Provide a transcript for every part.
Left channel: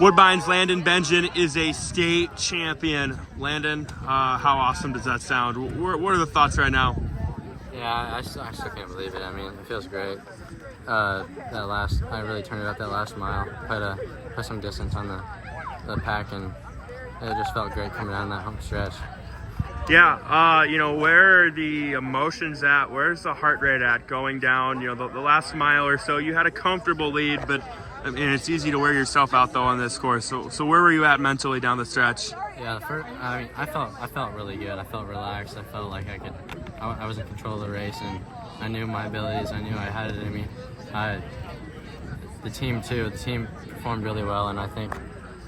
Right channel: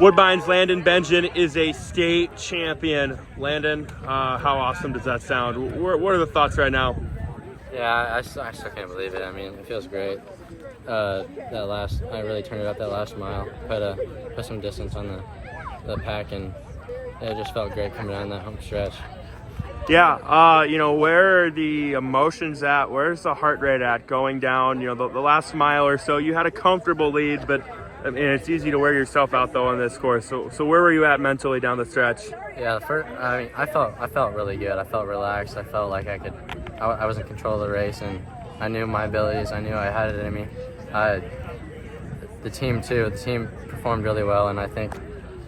Woodbine's Landon Benjamin is a state champion. Landon, how awesome does that sound? What are the thoughts right now? Yeah, I still can't believe it. I mean, it feels great. I really turned it up that last mile, put some distance on the pack, and it just felt great coming down that home stretch. Yeah, where are the emotions at? Where's the heart rate at going down? The last mile or so, you had a comfortable lead, but I mean, it's easy to wear yourself out though on this course. So where were you at mentally down the stretch? Yeah, I felt really good. I felt relaxed. I felt like I was in control of the race, and I knew my abilities. I knew I had it in me. The team too. The team performed really well, and I think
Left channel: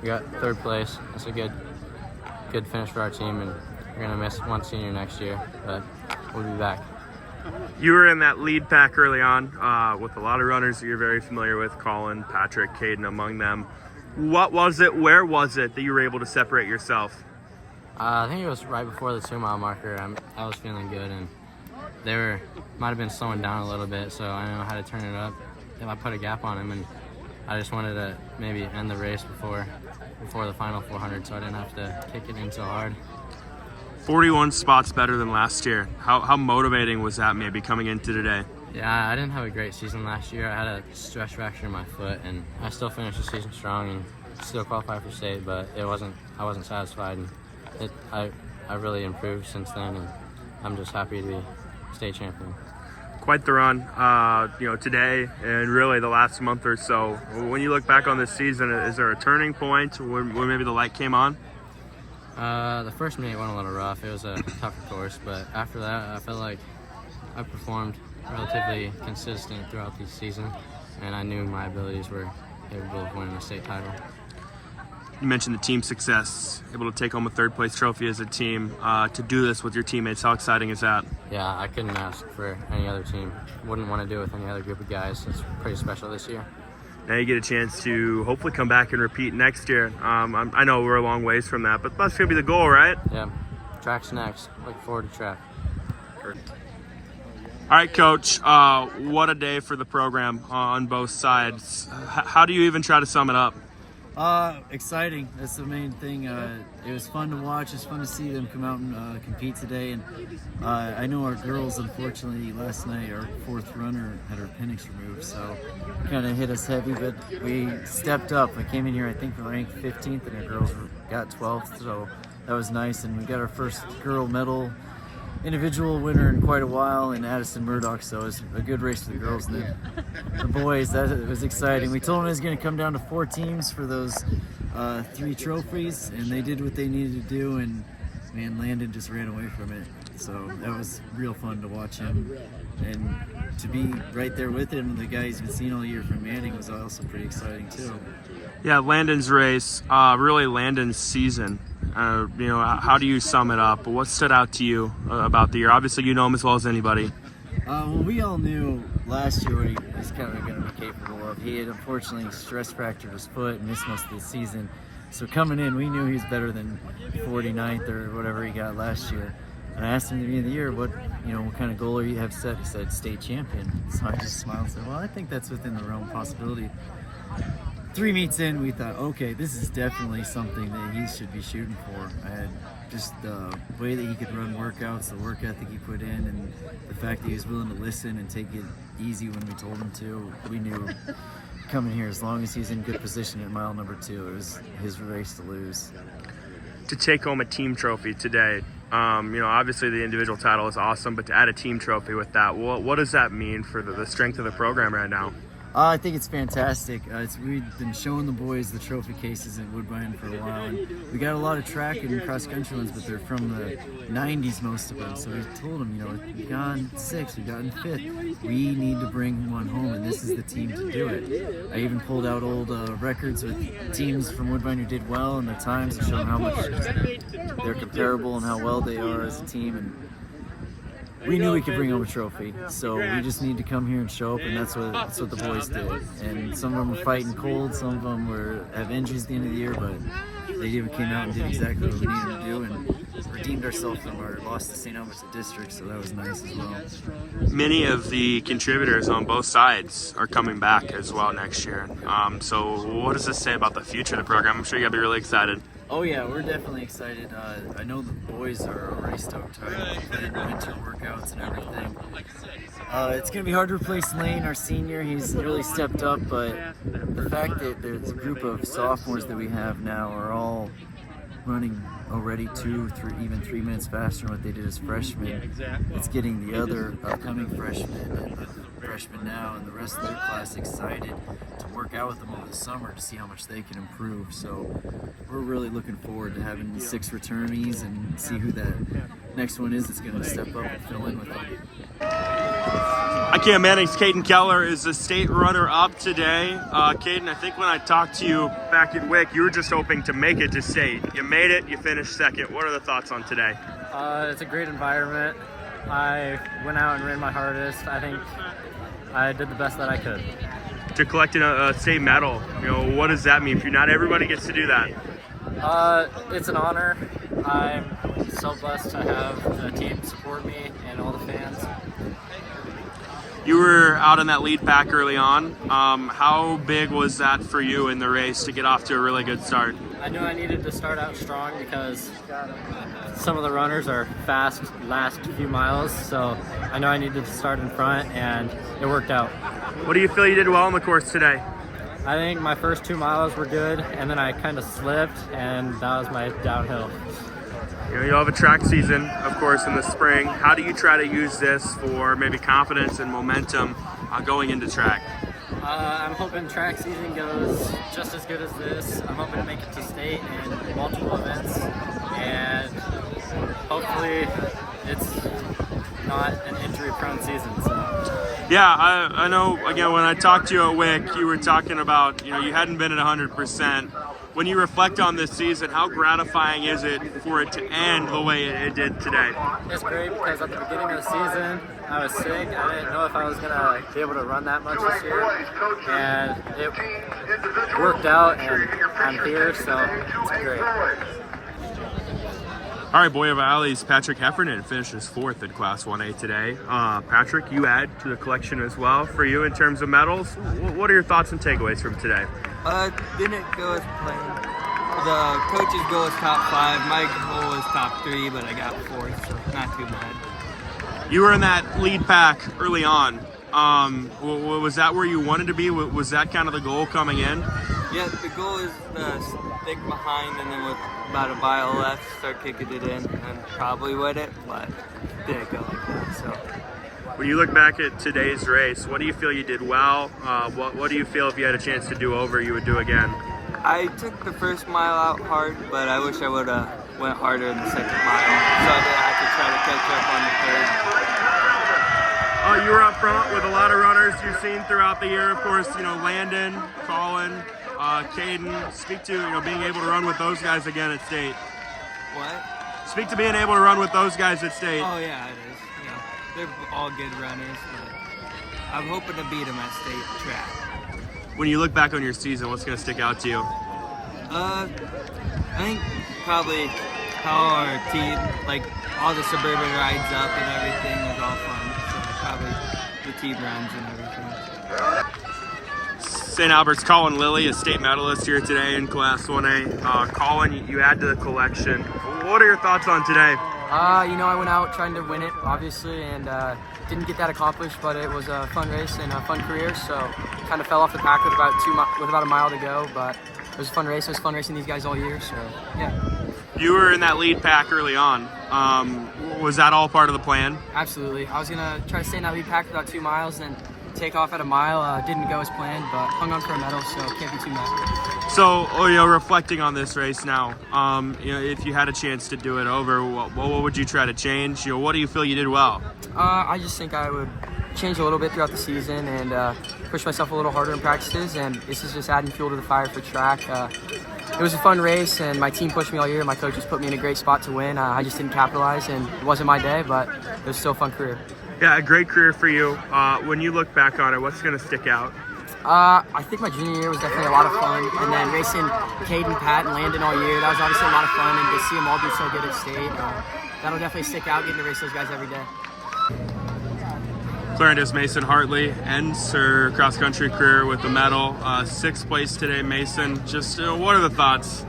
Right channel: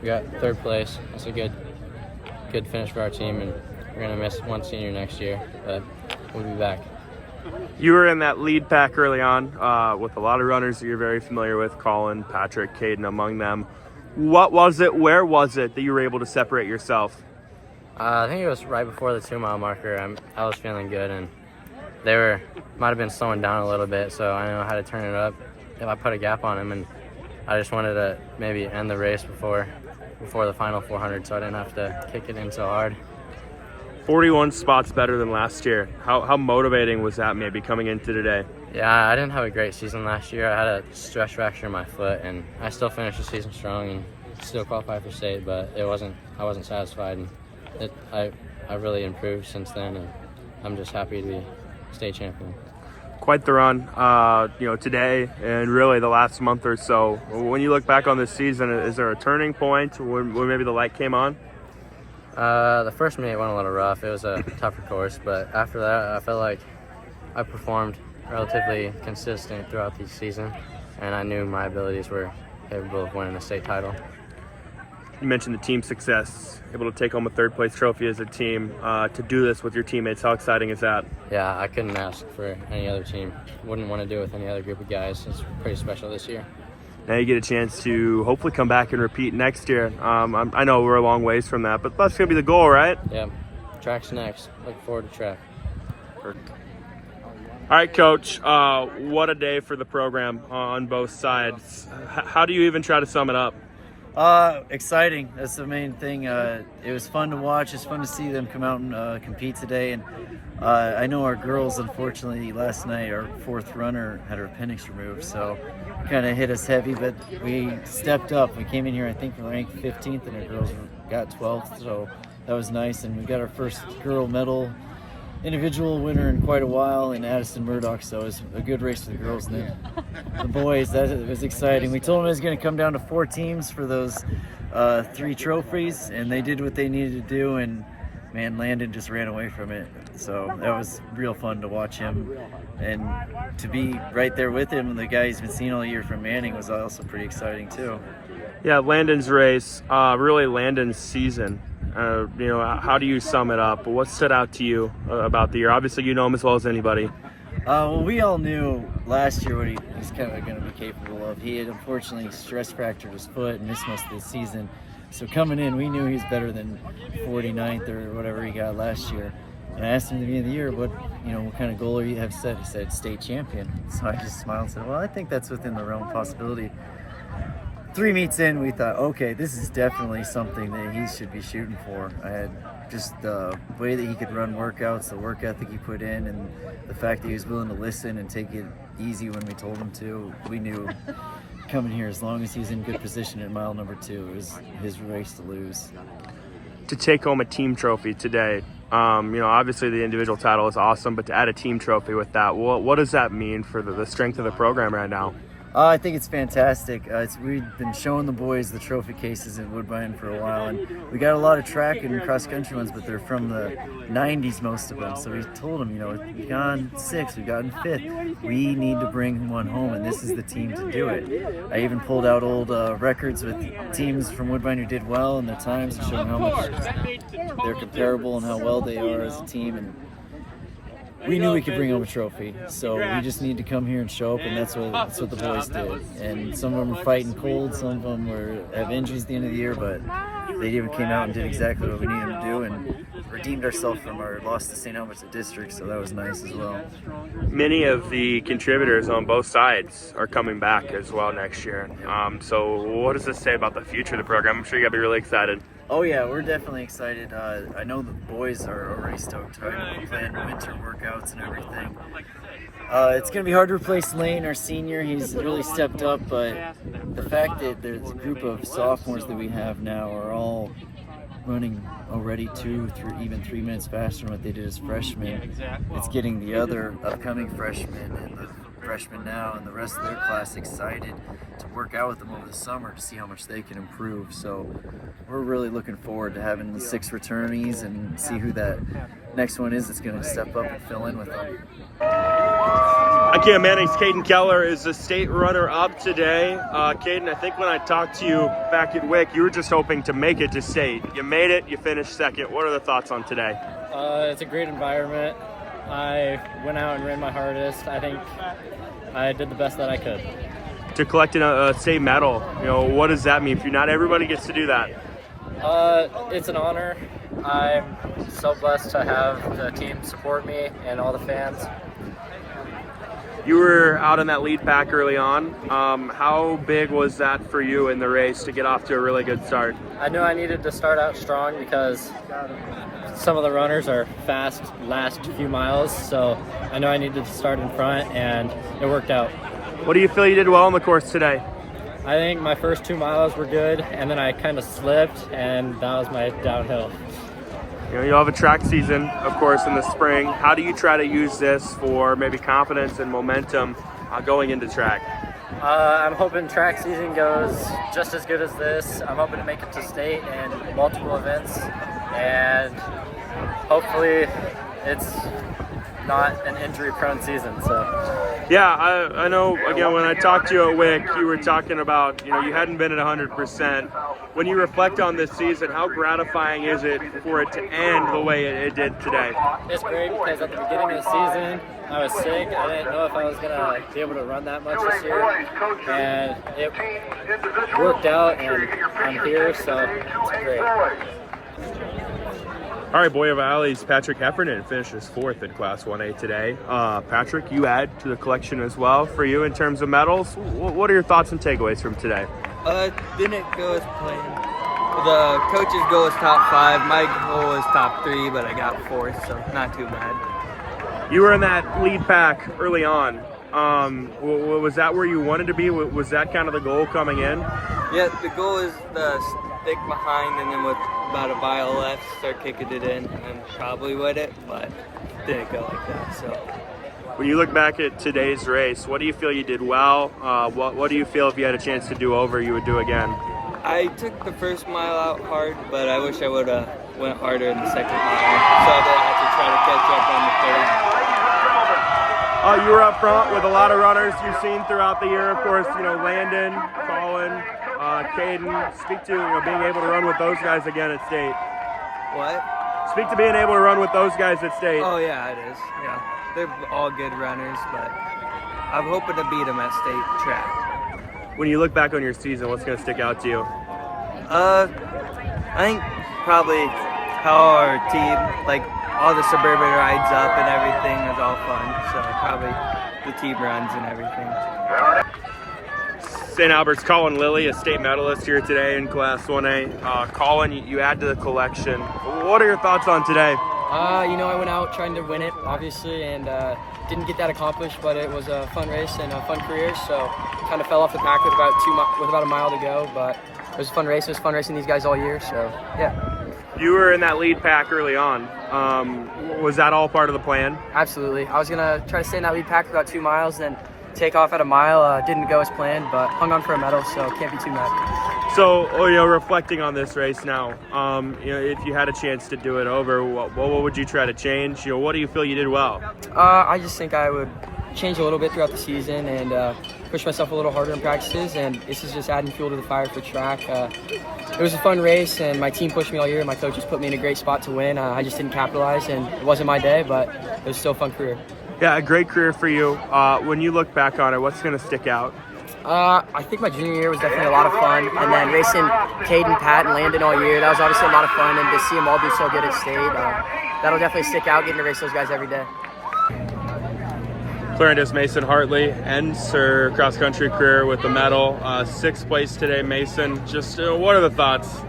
we got third place. That's a good finish for our team, and we're gonna miss one senior next year, but we'll be back. You were in that lead pack early on with a lot of runners that you're very familiar with, Colin, Patrick, Caden among them. What was it, where was it that you were able to separate yourself? I think it was right before the 2 mile marker. I was feeling good, and they might have been slowing down a little bit, so I know how to turn it up if I put a gap on them, and I just wanted to maybe end the race before the final 400, so I didn't have to kick it in so hard. 41 spots better than last year. How motivating was that maybe coming into today? Yeah, I didn't have a great season last year. I had a stress fracture in my foot, and I still finished the season strong and still qualified for state, but I wasn't satisfied, and I really improved since then, and I'm just happy to be state champion. Quite the run, today and really the last month or so. When you look back on this season, is there a turning point when maybe the light came on? The first minute went a little rough. It was a tougher course, but after that, I felt like I performed relatively consistent throughout the season, and I knew my abilities were capable of winning a state title. You mentioned the team success, able to take home a third place trophy as a team. To do this with your teammates, how exciting is that? Yeah, I couldn't ask for any other team. Wouldn't want to do it with any other group of guys. It's pretty special this year. Now you get a chance to hopefully come back and repeat next year. I know we're a long ways from that, but that's going to be the goal, right? Yeah, track's next. Looking forward to track. All right, Coach, what a day for the program on both sides. How do you even try to sum it up? Exciting. That's the main thing. It was fun to watch. It's fun to see them come out and compete today. And I know our girls, unfortunately, last night, our fourth runner had her appendix removed, so kind of hit us heavy, but we stepped up. We came in here, I think, ranked 15th, and our girls got 12th, so that was nice. And we got our first girl medal individual winner in quite a while in Addison Murdoch, so it was a good race for the girls. And then the boys, that was exciting. We told them it was going to come down to 4 teams for those 3 trophies, and they did what they needed to do, and man, Landon just ran away from it. So that was real fun to watch him, and to be right there with him, the guy he's been seeing all year from Manning, was also pretty exciting too. Yeah, Landon's race, really Landon's season. How do you sum it up? What stood out to you about the year? Obviously, you know him as well as anybody. Well, we all knew last year what he's kind of going to be capable of. He had unfortunately stress fractured his foot and missed most of the season. So coming in, we knew he was better than 49th or whatever he got last year. And I asked him at the beginning of the year, what kind of goal you have set? He said, state champion. So I just smiled and said, well, I think that's within the realm of possibility. 3 meets in, we thought, okay, this is definitely something that he should be shooting for. I had just the way that he could run workouts, the work ethic he put in, and the fact that he was willing to listen and take it easy when we told him to. We knew coming here, as long as he's in good position at mile number 2, it was his race to lose. To take home a team trophy today, obviously the individual title is awesome, but to add a team trophy with that, what does that mean for the strength of the program right now? I think it's fantastic. We've been showing the boys the trophy cases in Woodbine for a while, and we got a lot of track and cross-country ones, but they're from the 90s, most of them. So we told them, we've gone 6th, we've gotten 5th. We need to bring one home, and this is the team to do it. I even pulled out old records with teams from Woodbine who did well and their times to show them how much they're comparable and how well they are as a team. And we knew we could bring home a trophy, so we just need to come here and show up, and that's what the boys did. And some of them were fighting cold, some of them have injuries at the end of the year, but they even came out and did exactly what we needed them to do, and redeemed ourselves from our loss to St. Albans at district, so that was nice as well. Many of the contributors on both sides are coming back as well next year. So what does this say about the future of the program? I'm sure you gotta be really excited. Oh yeah, we're definitely excited. I know the boys are already stoked to plan winter workouts and everything. It's going to be hard to replace Lane, our senior. He's really stepped up, but the fact that there's a group of sophomores that we have now are all running already 2, 3, even 3 minutes faster than what they did as freshmen, it's getting the other upcoming freshmen and the freshmen now and the rest of their class excited to work out with them over the summer to see how much they can improve. So we're really looking forward to having the 6 returnees and see who that next one is that's going to step up and fill in with them. Hi, KMA. Caden Keller is the state runner-up today. Caden, I think when I talked to you back at WIC, you were just hoping to make it to state. You made it. You finished second. What are the thoughts on today? It's a great environment. I went out and ran my hardest. I think I did the best that I could. To collect a state medal, what does that mean? Not everybody gets to do that. It's an honor. I'm so blessed to have the team support me and all the fans. You were out in that lead pack early on. How big was that for you in the race to get off to a really good start? I knew I needed to start out strong because some of the runners are fast last few miles, so I know I needed to start in front, and it worked out. What do you feel you did well on the course today? I think my first 2 miles were good, and then I kind of slipped, and that was my downhill. You'll have a track season, of course, in the spring. How do you try to use this for maybe confidence and momentum going into track? I'm hoping track season goes just as good as this. I'm hoping to make it to state and multiple events, and hopefully it's not an injury-prone season. So. Yeah, I know, again, when I talked to you at WIC, you were talking about, you hadn't been at 100%. When you reflect on this season, how gratifying is it for it to end the way it did today? It's great because at the beginning of the season, I was sick. I didn't know if I was going to be able to run that much this year. And it worked out, and I'm here, so it's great. All right, Boyer Valley's Patrick Heffernan finishes 4th in Class 1A today. Patrick, you add to the collection as well for you in terms of medals. What are your thoughts and takeaways from today? Didn't go as planned. The coach's goal was top 5. My goal was top 3, but I got 4th, so not too bad. You were in that lead pack early on. Was that where you wanted to be? Was that kind of the goal coming in? Yeah, the goal is to stick behind, and then with about a mile left, start kicking it in, and probably would it, but didn't go like that. So. When you look back at today's race, what do you feel you did well? What do you feel if you had a chance to do over, you would do again? I took the first mile out hard, but I wish I would have went harder in the second mile, so that I could try to catch up on the third. You were up front with a lot of runners you've seen throughout the year. Of course, Landon, Colin, Caden. Speak to being able to run with those guys again at state. What? Speak to being able to run with those guys at state. Oh yeah, it is. Yeah, they're all good runners, but I'm hoping to beat them at state track. When you look back on your season, what's going to stick out to you? I think probably how our team, like all the suburban rides up and everything, is all fun. So probably the team runs and everything. St. Albert's Colin Lilly, a state medalist here today in Class 1A. Colin, you add to the collection. What are your thoughts on today? I went out trying to win it, obviously, and didn't get that accomplished, but it was a fun race and a fun career, so kind of fell off the pack with about a mile to go, but it was a fun race. It was fun racing these guys all year, so yeah. You were in that lead pack early on. Was that all part of the plan? Absolutely. I was going to try to stay in that lead pack for about 2 miles, then take off at a mile. Didn't go as planned, but hung on for a medal, so can't be too mad. So, reflecting on this race now, if you had a chance to do it over, what would you try to change? What do you feel you did well? I just think I would change a little bit throughout the season and push myself a little harder in practices, and this is just adding fuel to the fire for track. It was a fun race, and my team pushed me all year. My coaches put me in a great spot to win. I just didn't capitalize, and it wasn't my day, but it was still a fun career. Yeah, a great career for you. When you look back on it, what's going to stick out? I think my junior year was definitely a lot of fun, and then racing Caden, Pat, and Landon all year, that was obviously a lot of fun, and to see them all do so good at state, that'll definitely stick out, getting to race those guys every day. Clarendon's Mason Hartley ends her cross-country career with a medal. 6th place today, Mason. Just what are the thoughts?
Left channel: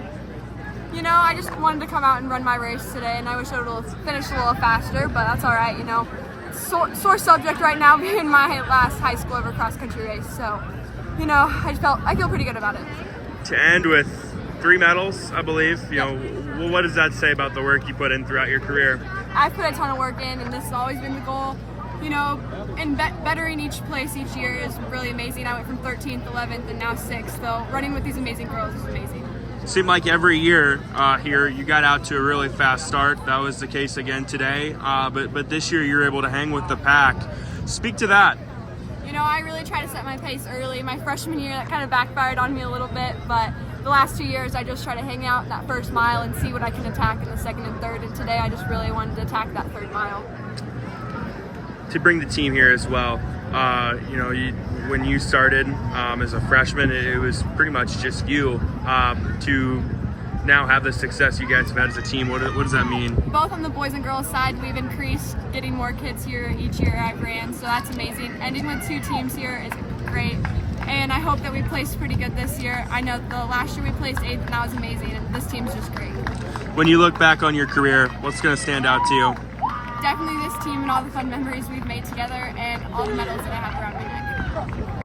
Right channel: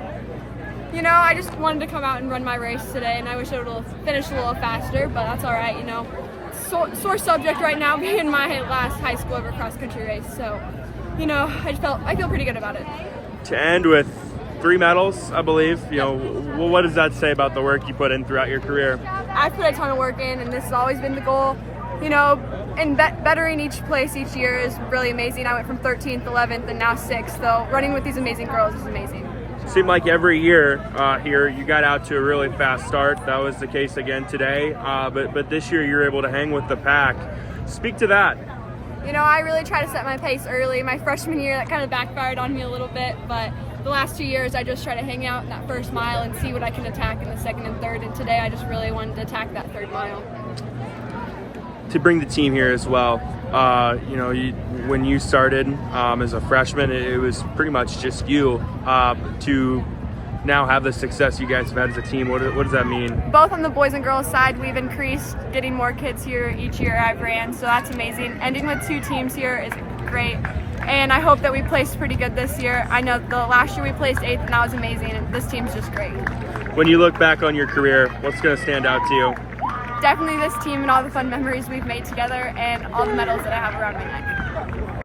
You know, I just wanted to come out and run my race today, and I wish I would have finished a little faster, but that's all right, you know. Sore subject right now being my last high school ever cross-country race, so, you know, I feel pretty good about it. To end with 3 medals, I believe. You know, what does that say about the work you put in throughout your career? I've put a ton of work in, and this has always been the goal. You know, and bettering each place each year is really amazing. I went from 13th, 11th, and now 6th, so running with these amazing girls is amazing. Seemed like every year here you got out to a really fast start. That was the case again today, but this year you're able to hang with the pack. Speak to that. You know, I really try to set my pace early. My freshman year, that kind of backfired on me a little bit, but the last 2 years I just try to hang out in that first mile and see what I can attack in the second and third, and today I just really wanted to attack that 3rd mile. To bring the team here as well, you know, when you started as a freshman, it was pretty much just you. To now have the success you guys have had as a team, what does that mean? Both on the boys and girls side, we've increased getting more kids here each year I've ran, so that's amazing. Ending with 2 teams here is great, and I hope that we placed pretty good this year. I know the last year we placed 8th, and that was amazing, and this team's just great. When you look back on your career, what's going to stand out to you? Definitely this team and all the fun memories we've made together and all the medals that I have around my neck.